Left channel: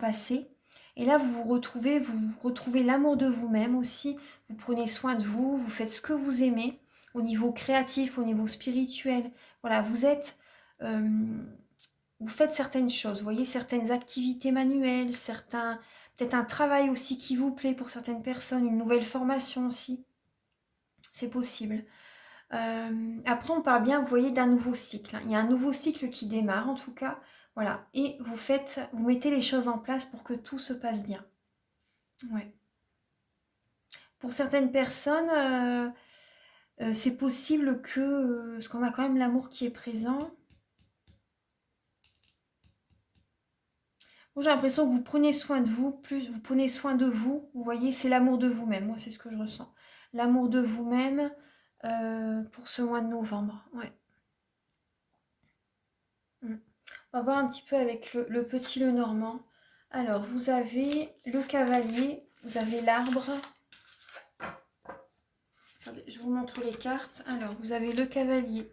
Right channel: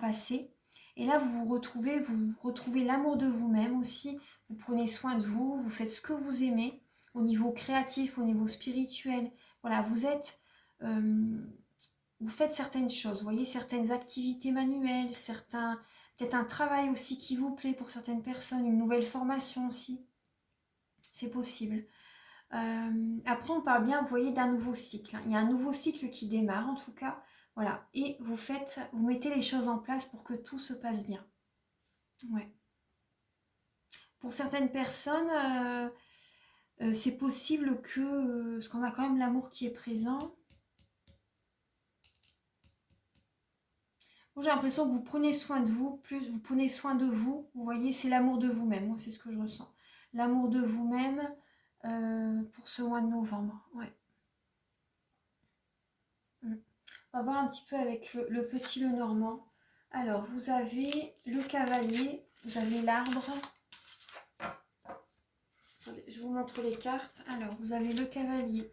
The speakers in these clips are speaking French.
passé. Et là, vous retrouvez l'amour de vous-même aussi. Vous prenez soin de vous, vous faites ce que vous aimez au niveau créatif, au niveau spirituel. Voilà, vous faites certaines choses, vous voyez, certaines activités manuelles, peut-être un travail aussi qui vous plaît pour certaines personnes, une nouvelle formation aussi, c'est possible. Après, on parle bien, vous voyez, d'un nouveau cycle, hein. Il y a un nouveau cycle qui démarre en tout cas, voilà, et vous mettez les choses en place pour que tout se passe bien. Ouais. Pour certaines personnes, c'est possible que, parce qu'on a quand même l'amour qui est présent. Moi, j'ai l'impression que vous prenez soin de vous, plus vous prenez soin de vous. Vous voyez, c'est l'amour de vous-même. Moi, c'est ce que je ressens. L'amour de vous-même pour ce mois de novembre. Ouais. Mm. On va voir un petit peu avec le petit Lenormand. Alors, vous avez le cavalier, vous avez l'arbre. Attendez, je vous montre les cartes. Alors, vous avez le cavalier.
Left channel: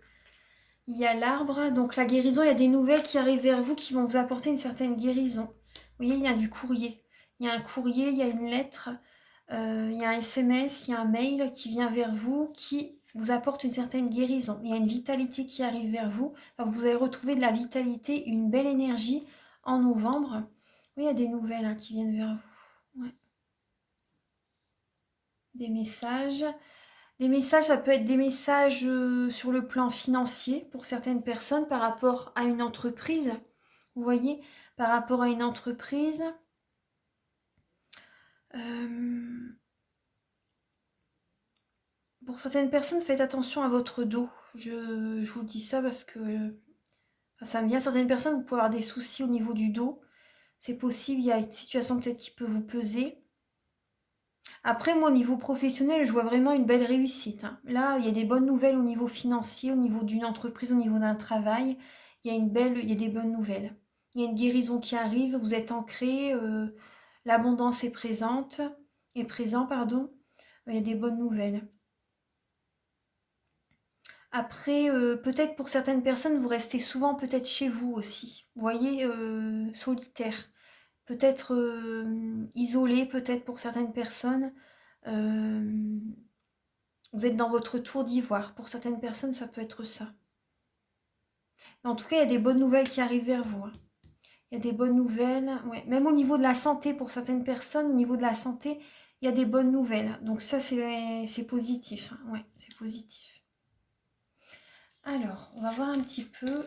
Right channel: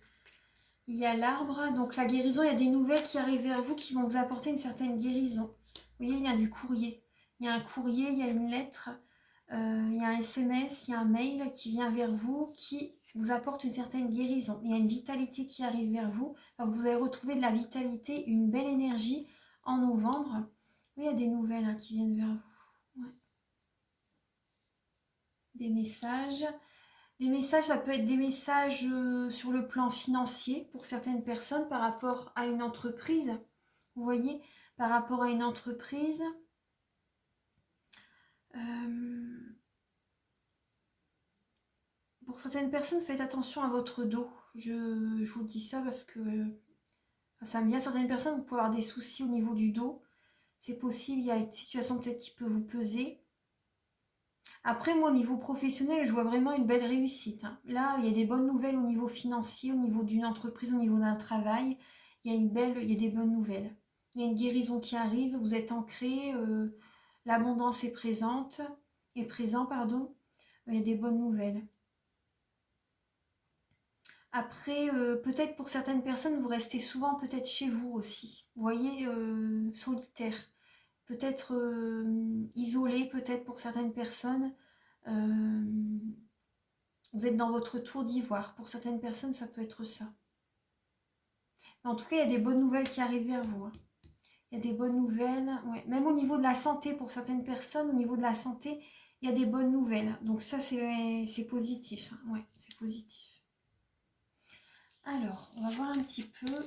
Il y a l'arbre. Donc, la guérison, il y a des nouvelles qui arrivent vers vous qui vont vous apporter une certaine guérison. Vous voyez, il y a du courrier. Il y a un courrier, il y a une lettre. Il y a un SMS, il y a un mail qui vient vers vous, qui vous apporte une certaine guérison. Il y a une vitalité qui arrive vers vous. Alors, vous allez retrouver de la vitalité, une belle énergie en novembre. Oui, il y a des nouvelles hein, qui viennent vers vous. Ouais. Des messages. Des messages, ça peut être des messages sur le plan financier pour certaines personnes par rapport à une entreprise. Vous voyez, par rapport à une entreprise. Pour certaines personnes, faites attention à votre dos. Je vous dis ça parce que ça me vient. Certaines personnes, vous pouvez avoir des soucis au niveau du dos. C'est possible, il y a une situation peut-être qui peut vous peser. Après, moi, au niveau professionnel, je vois vraiment une belle réussite, hein. Là, il y a des bonnes nouvelles au niveau financier, au niveau d'une entreprise, au niveau d'un travail. Il y a des bonnes nouvelles. Il y a une guérison qui arrive, vous êtes ancré, l'abondance est présent, pardon. Il y a des bonnes nouvelles. Après, peut-être pour certaines personnes, vous restez souvent peut-être chez vous aussi. Vous voyez, solitaire. Peut-être isolé, peut-être pour certaines personnes. Vous êtes dans votre tour d'ivoire. Pour certaines personnes, ça peut être ça. Mais en tout cas, il y a des bonnes nouvelles qui arrivent vers vous, hein. Il y a des bonnes nouvelles. Ouais. Même au niveau de la santé, pour certaines personnes, au niveau de la santé, il y a des bonnes nouvelles. Donc ça, c'est positif, hein. Ouais, c'est positif. Alors, on va voir un petit peu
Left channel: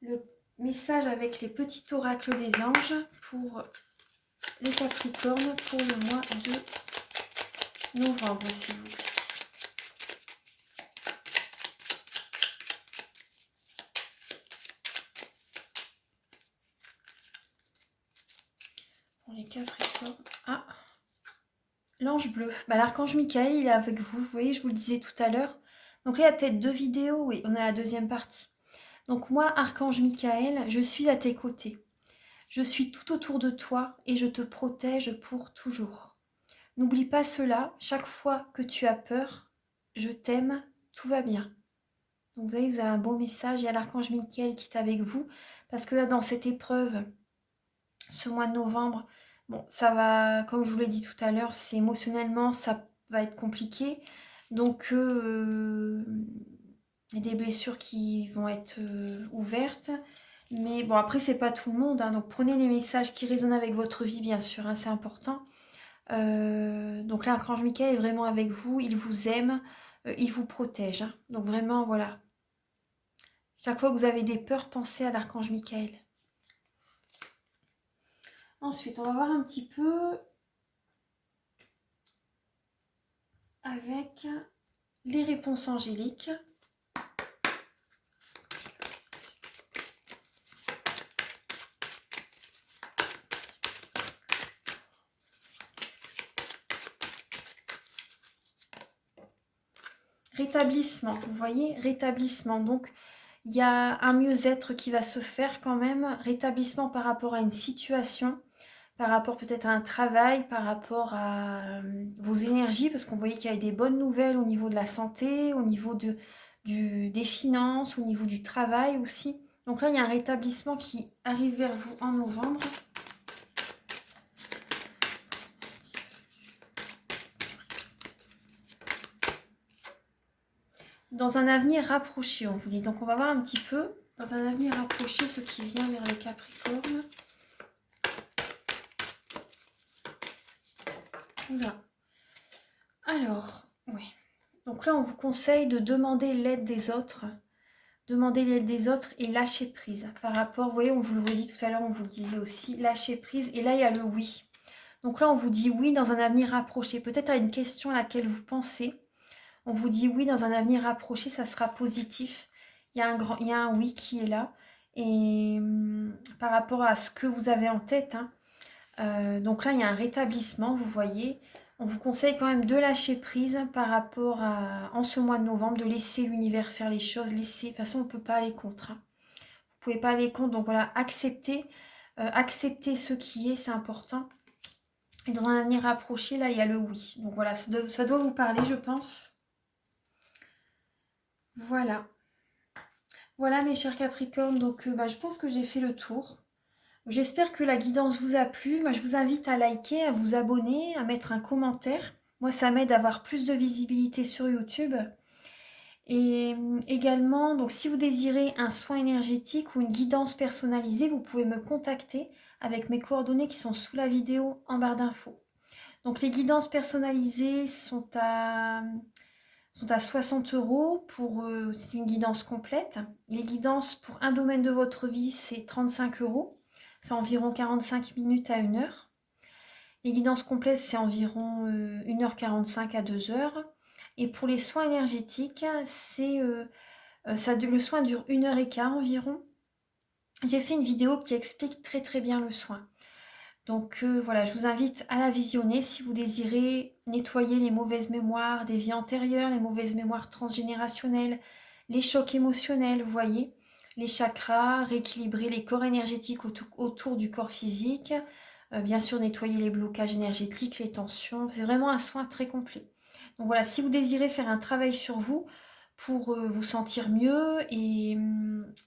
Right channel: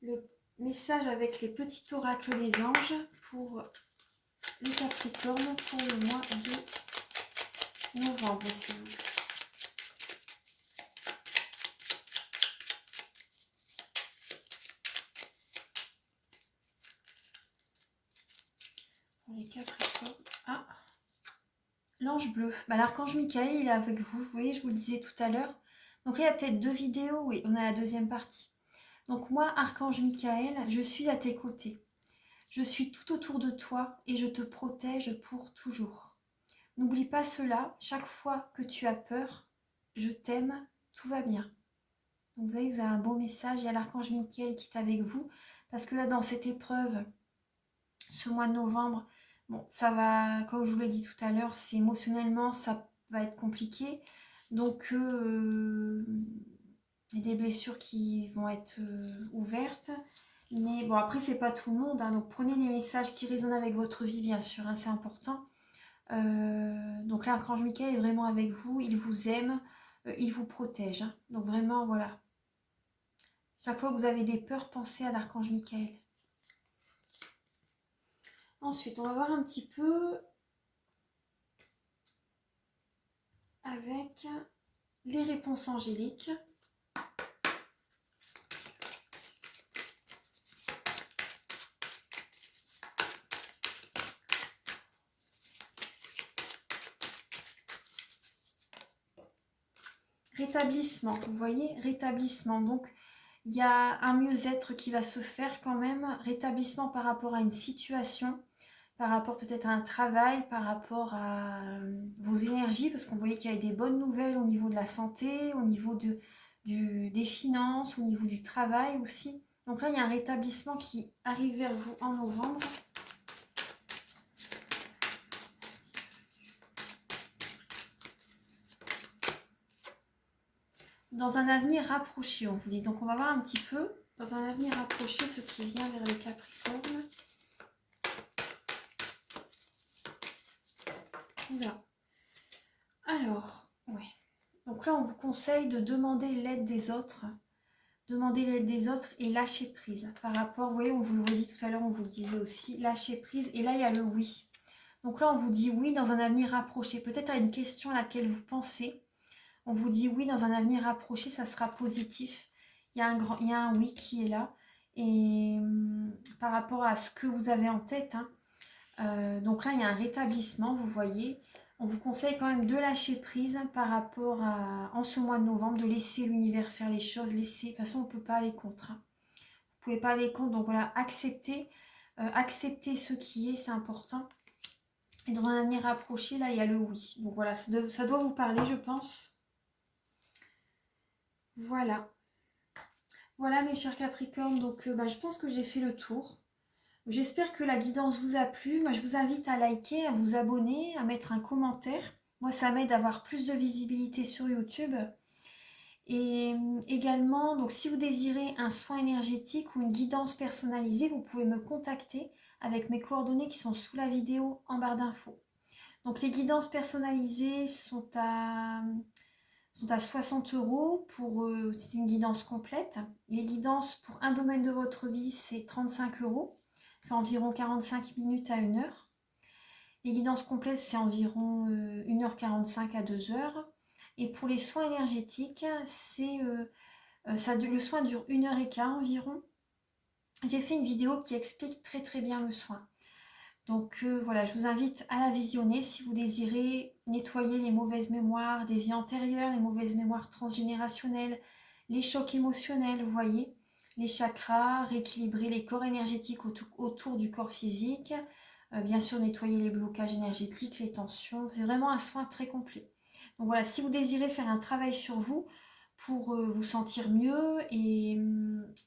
le message avec les petits oracles des anges pour les Capricornes pour le mois de novembre, s'il vous plaît. Pour les Capricornes. Ah, l'ange bleu. Bah, l'archange Michael, il est avec vous. Vous voyez, je vous le disais tout à l'heure. Donc là, il y a peut-être 2 vidéos. Oui, on a la deuxième partie. Donc moi, archange Michael, je suis à tes côtés. Je suis tout autour de toi et je te protège pour toujours. N'oublie pas cela, chaque fois que tu as peur, je t'aime, tout va bien. Donc vous voyez, vous avez un beau message, il y a l'archange Michael qui est avec vous, parce que là, dans cette épreuve, ce mois de novembre, bon, ça va, comme je vous l'ai dit tout à l'heure, c'est émotionnellement, ça va être compliqué. Donc, il y a des blessures qui vont être ouvertes. Mais bon, après, c'est pas tout le monde, hein, donc prenez les messages qui résonnent avec votre vie, bien sûr, hein, c'est important. Donc là, l'archange Michael est vraiment avec vous, il vous aime, il vous protège, hein. Donc vraiment, voilà. Chaque fois que vous avez des peurs, pensez à l'archange Michael. Ensuite, on va voir un petit peu avec les réponses angéliques. Rétablissement, vous voyez, rétablissement. Donc, il y a un mieux-être qui va se faire quand même. Rétablissement par rapport à une situation, par rapport peut-être à un travail, par rapport à vos énergies, parce qu'on voyait qu'il y avait des bonnes nouvelles au niveau de la santé, au niveau des finances, au niveau du travail aussi. Donc là, il y a un rétablissement qui arrive vers vous en novembre. Dans un avenir rapproché, on vous dit. Donc on va voir un petit peu, dans un avenir rapproché, ce qui vient vers le Capricorne. Voilà. Alors, oui. Donc là, on vous conseille de demander l'aide des autres. Demander l'aide des autres et lâcher prise. Par rapport, vous voyez, on vous le redit tout à l'heure, on vous le disait aussi, lâcher prise. Et là, il y a le oui. Donc là, on vous dit oui dans un avenir rapproché. Peut-être à une question à laquelle vous pensez. On vous dit oui dans un avenir rapproché, ça sera positif. Il y a un oui qui est là. Et par rapport à ce que vous avez en tête, hein, donc là, il y a un rétablissement, vous voyez. On vous conseille quand même de lâcher prise par rapport à, en ce mois de novembre, de laisser l'univers faire les choses. Laisser, de toute façon, on ne peut pas aller contre. Hein. Vous ne pouvez pas aller contre, donc voilà, accepter ce qui est, c'est important. Et dans un avenir rapproché, là, il y a le oui. Donc voilà, ça doit vous parler, je pense. Voilà. Voilà mes chers Capricornes, donc je pense que j'ai fait le tour. J'espère que la guidance vous a plu. Moi, je vous invite à liker, à vous abonner, à mettre un commentaire. Moi, ça m'aide à avoir plus de visibilité sur YouTube. Et également, donc si vous désirez un soin énergétique ou une guidance personnalisée, vous pouvez me contacter avec mes coordonnées qui sont sous la vidéo en barre d'infos. Donc les guidances personnalisées sont à 60 € pour c'est une guidance complète. Les guidances pour un domaine de votre vie, c'est 35 €. C'est environ 45 minutes à 1 heure. Les guidances complètes, c'est environ 1h45 à 2 heures. Et pour les soins énergétiques, c'est le soin dure 1h15 environ. J'ai fait une vidéo qui explique très très bien le soin. Donc voilà, je vous invite à la visionner si vous désirez nettoyer les mauvaises mémoires des vies antérieures, les mauvaises mémoires transgénérationnelles, les chocs émotionnels, vous voyez, les chakras, rééquilibrer les corps énergétiques autour du corps physique, bien sûr nettoyer les blocages énergétiques, les tensions, c'est vraiment un soin très complet. Donc voilà, si vous désirez faire un travail sur vous pour vous sentir mieux et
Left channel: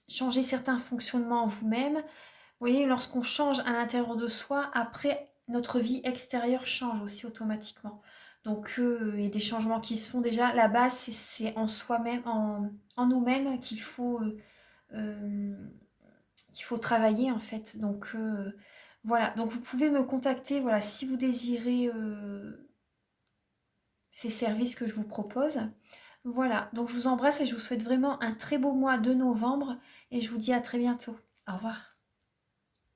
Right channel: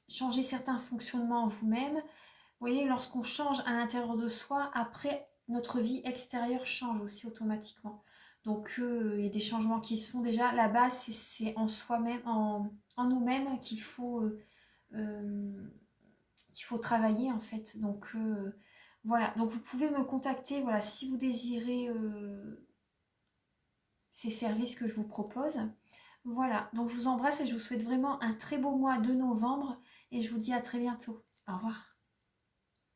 changer certains fonctionnements en vous-même, vous voyez, lorsqu'on change à l'intérieur de soi, après, notre vie extérieure change aussi automatiquement. Donc, il y a des changements qui se font déjà. La base, c'est en soi-même, en nous-mêmes qu'il faut travailler, en fait. Donc, voilà. Donc, vous pouvez me contacter, voilà, si vous désirez ces services que je vous propose. Voilà. Donc, je vous embrasse et je vous souhaite vraiment un très beau mois de novembre. Et je vous dis à très bientôt. Au revoir.